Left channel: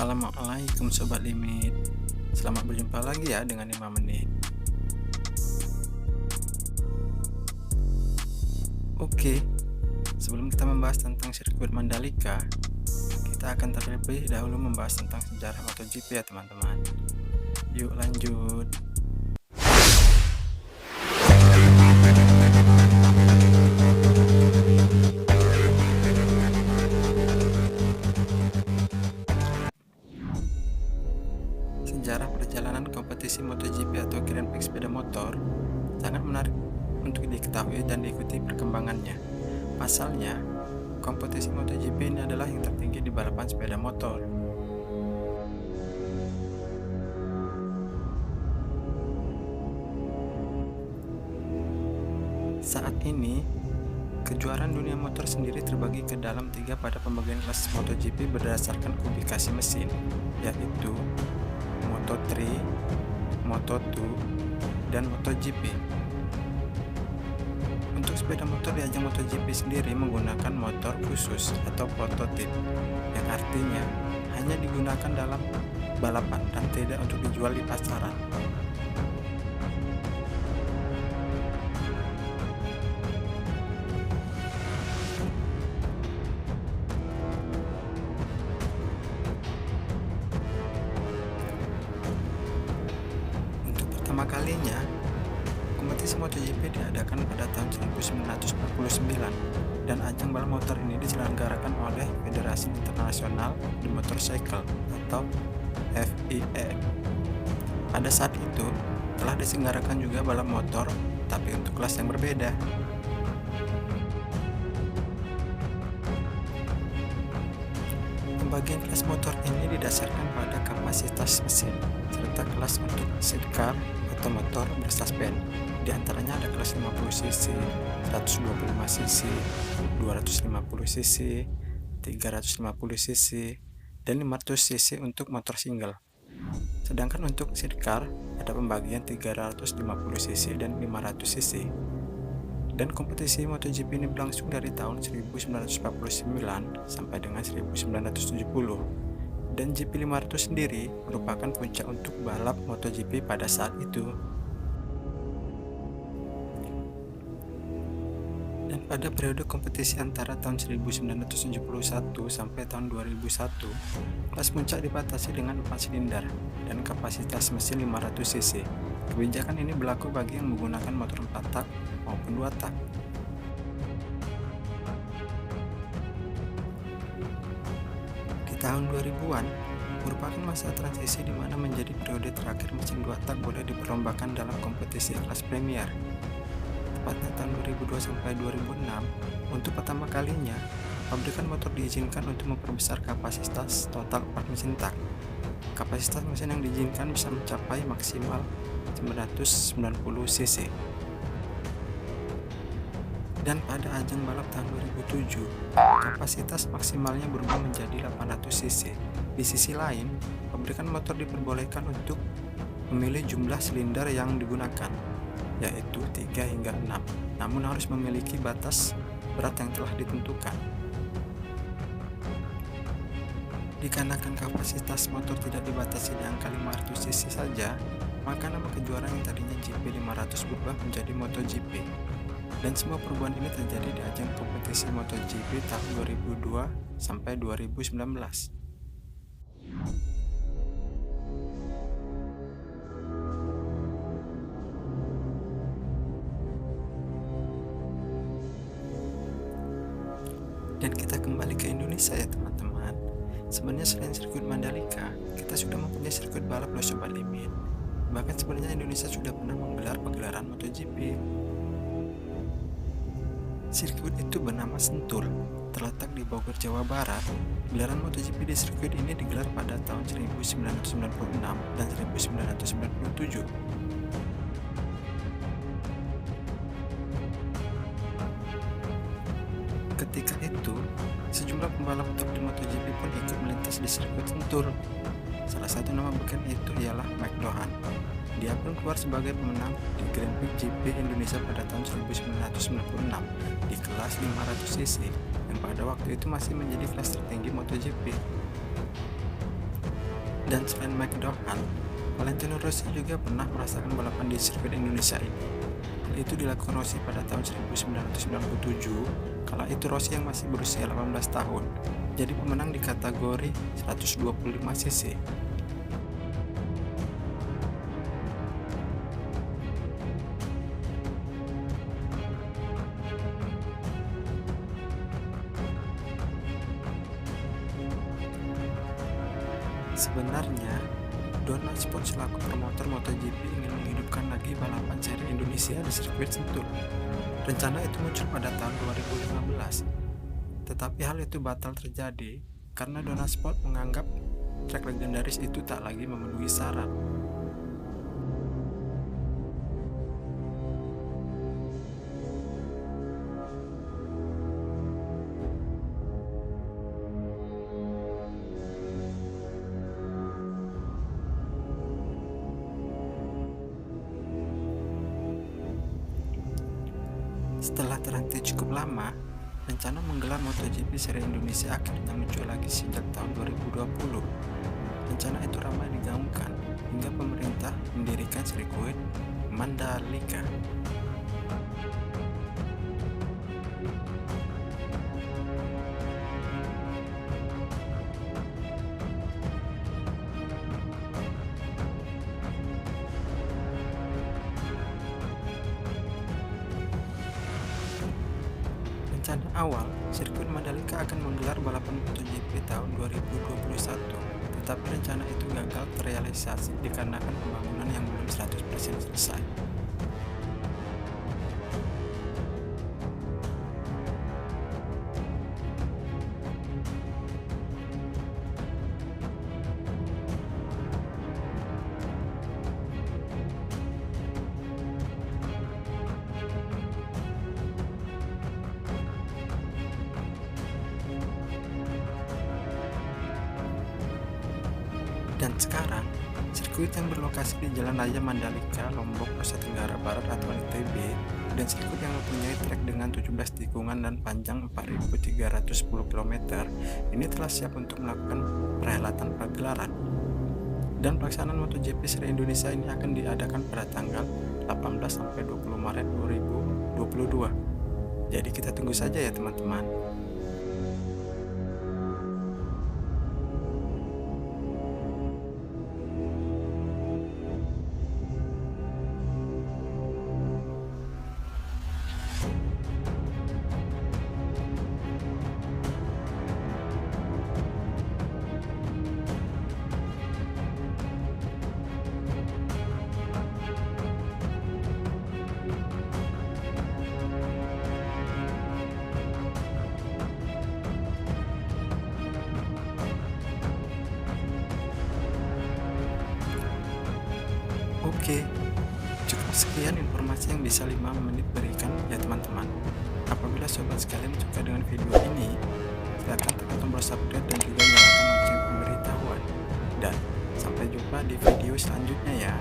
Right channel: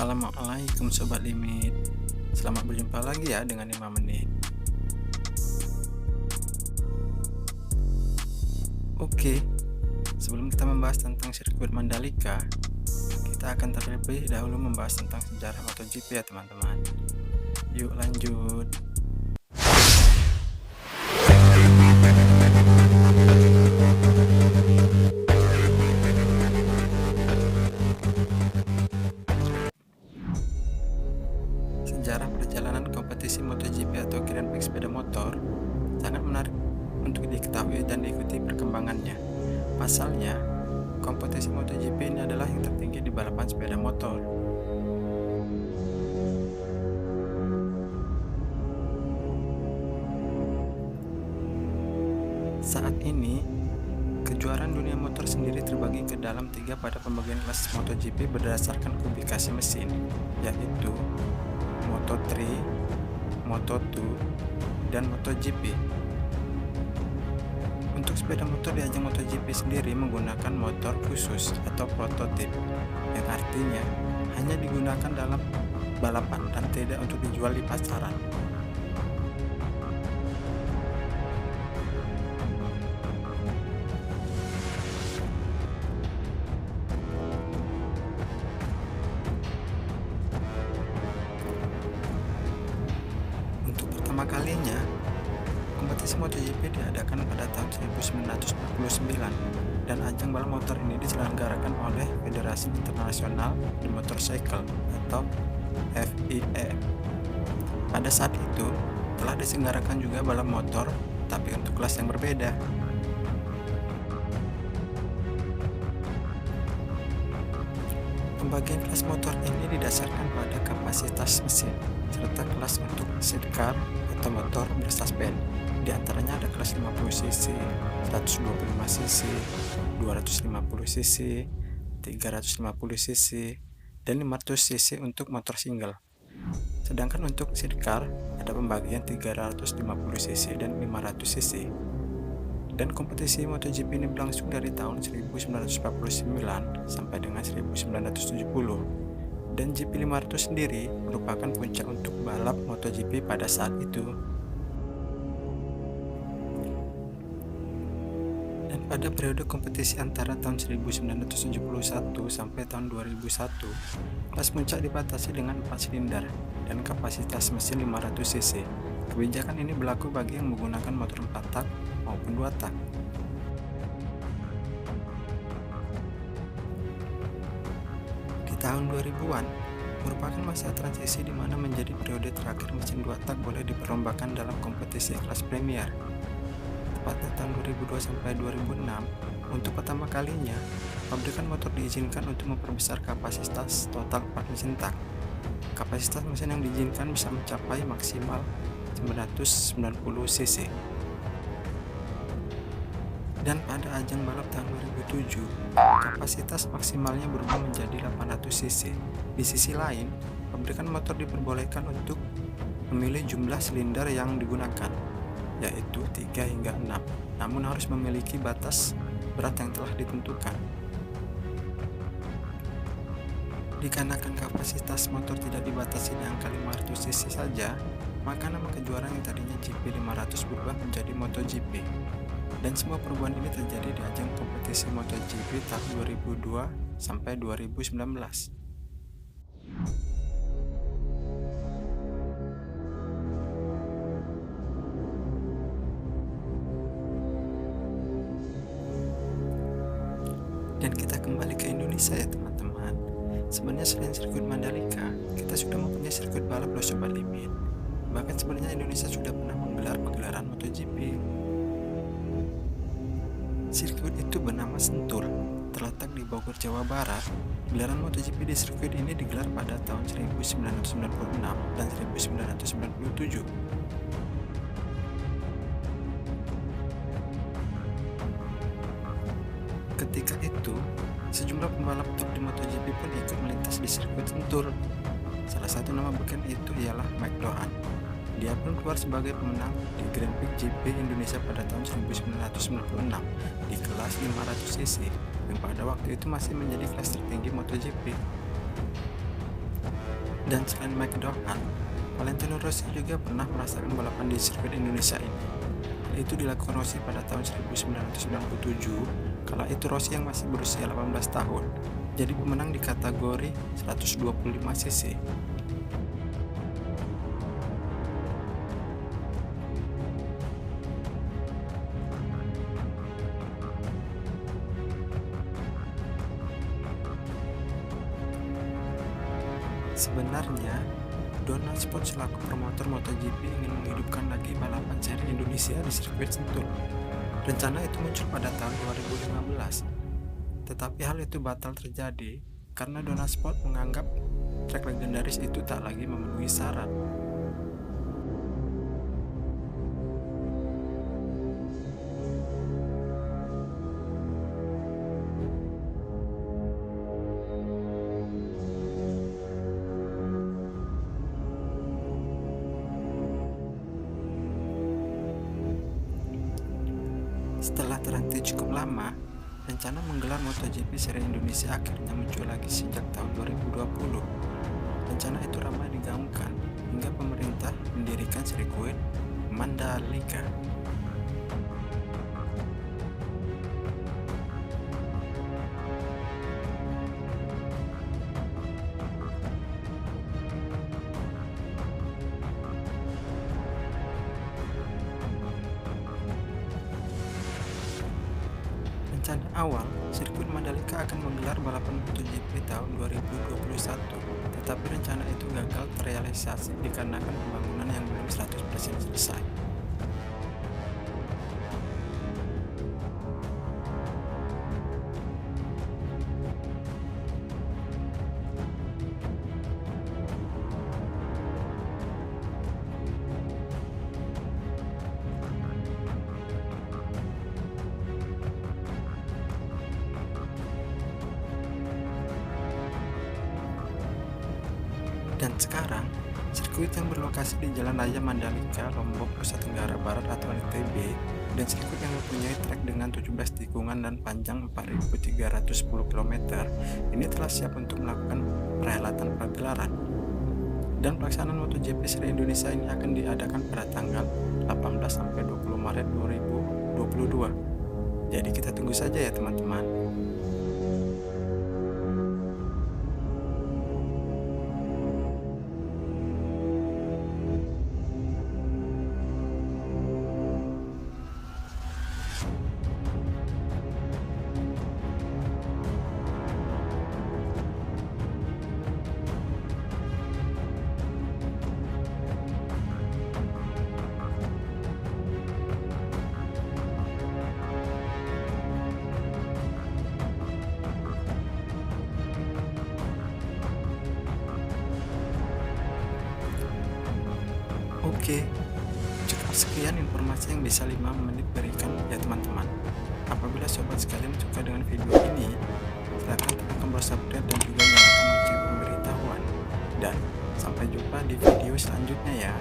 Assalamualaikum Sobat Limit. Selamat berjumpa lagi ya dengan 5 menit. Oke, sebelum kita membahas tentang sirkuit Mandalika, kita akan terlebih dahulu membahas tentang sejarah MotoGP ya teman-teman. Yuk lanjut. Sejarah perjalanan kompetisi MotoGP atau Grand Prix sepeda motor sangat menarik untuk diketahui dan diikuti perkembangannya. Pasalnya, kompetisi MotoGP ini adalah yang tertinggi di balapan sepeda motor. Saat ini, kejuaraan dunia motor sendiri terbagi ke dalam 3 pada pembagian kelas MotoGP berdasarkan kubikasi mesin, yaitu Moto3, Moto2, dan MotoGP. Untuk sepeda motor di ajang MotoGP sendiri menggunakan motor khusus atau prototip, yang artinya hanya digunakan dalam balapan dan tidak untuk dijual di pasaran. Pertama kalinya, kompetisi MotoGP diadakan pada tahun 1949 dan ajang balap motor ini diselenggarakan oleh Federasi Internasional de Motorcycle atau FIA. Pada saat itu, telah diselenggarakan juga balap motor, tapi untuk kelas yang berbeda. Pembagian kelas motor ini didasarkan pada kapasitas mesin, serta kelas untuk sidecar atau motor bersuspen. Di antaranya ada kelas 50cc, 125cc, 250cc, 350cc, dan 500cc untuk motor single. Sedangkan untuk sidecar ada pembagian 350cc dan 500cc. Dan kompetisi MotoGP ini berlangsung dari tahun 1949 sampai dengan 1970. Dan GP500 sendiri merupakan puncak untuk balap MotoGP pada saat itu. Dan pada periode kompetisi antara tahun 1971 sampai tahun 2001, kelas puncak dibatasi dengan 4 silinder dan kapasitas mesin 500cc. Kebijakan ini berlaku bagi yang menggunakan motor 4 tak maupun 2 tak. Di tahun 2000-an merupakan masa transisi di mana menjadi periode terakhir mesin 2 tak boleh diperlombakan dalam kompetisi kelas Premier. Tepatnya tahun 2002 sampai 2006, untuk pertama kalinya pabrikan motor diizinkan untuk memperbesar kapasitas total 4 mesin tak. Kapasitas mesin yang diizinkan bisa mencapai maksimal 990cc. Dan pada ajang balap tahun 2007, kapasitas maksimalnya berubah menjadi 800cc. Di sisi lain, pabrikan motor diperbolehkan untuk memilih jumlah silinder yang digunakan, yaitu 3 hingga 6, namun harus memiliki batas berat yang telah ditentukan. Dikarenakan kapasitas motor tidak dibatasi di angka 500cc saja, maka nama kejuaraan yang tadinya GP500 berubah menjadi MotoGP. Dan semua perubahan ini terjadi di ajang kompetisi MotoGP tahun 2002 sampai 2019. Dan kita kembali ke Indonesia ya teman-teman. Sebenarnya selain sirkuit Mandalika, kita sudah mempunyai sirkuit balap loh Sobat Limit. Bahkan sebenarnya Indonesia sudah pernah menggelar pagelaran MotoGP. Sirkuit itu bernama Sentul, terletak di Bogor, Jawa Barat. Gelaran MotoGP di sirkuit ini digelar pada tahun 1996 dan 1997. Ketika itu, sejumlah pembalap top di MotoGP pun ikut melintas di sirkuit Sentul. Salah satu nama beken itu ialah Mike Doohan. Dia pun keluar sebagai pemenang di Grand Prix GP Indonesia pada tahun 1996 di kelas 500cc yang pada waktu itu masih menjadi kelas tertinggi MotoGP. Dan selain McDowell, Valentino Rossi juga pernah merasakan balapan di sirkuit Indonesia ini. Hal itu dilakukan Rossi pada tahun 1997, kala itu Rossi yang masih berusia 18 tahun, jadi pemenang di kategori 125 cc. Sebenarnya, Donald Sport selaku promotor MotoGP ingin menghidupkan lagi balapan seri Indonesia di sirkuit Sentul. Rencana itu muncul pada tahun 2015, tetapi hal itu batal terjadi karena Donald Sport menganggap trek legendaris itu tak lagi memenuhi syarat. Setelah terhenti cukup lama, rencana menggelar MotoGP Seri Indonesia akhirnya muncul lagi sejak tahun 2020. Rencana itu ramai digaungkan hingga pemerintah mendirikan sirkuit Mandalika. Rencana awal, sirkuit Mandalika akan menggelar balapan MotoGP tahun 2021, tetapi rencana itu gagal terrealisasi dikarenakan pembangunan yang belum 100% selesai. Dan sekarang, sirkuit yang berlokasi di Jalan Raya Mandalika, Lombok, Nusa Tenggara Barat atau NTB, dan sirkuit yang mempunyai trek dengan 17 tikungan dan panjang 4.310 km, ini telah siap untuk melakukan perhelatan pagelaran. Dan pelaksanaan MotoGP Seri Indonesia ini akan diadakan pada tanggal 18-20 Maret 2022. Jadi kita tunggu saja ya teman-teman. Oke, cukup sekian informasi yang bisa 5 menit berikan ya teman-teman. Apabila sobat sekalian suka dengan video ini, silahkan tekan tombol subscribe dan juga nyalakan lonceng pemberitahuan. Dan sampai jumpa di video selanjutnya ya.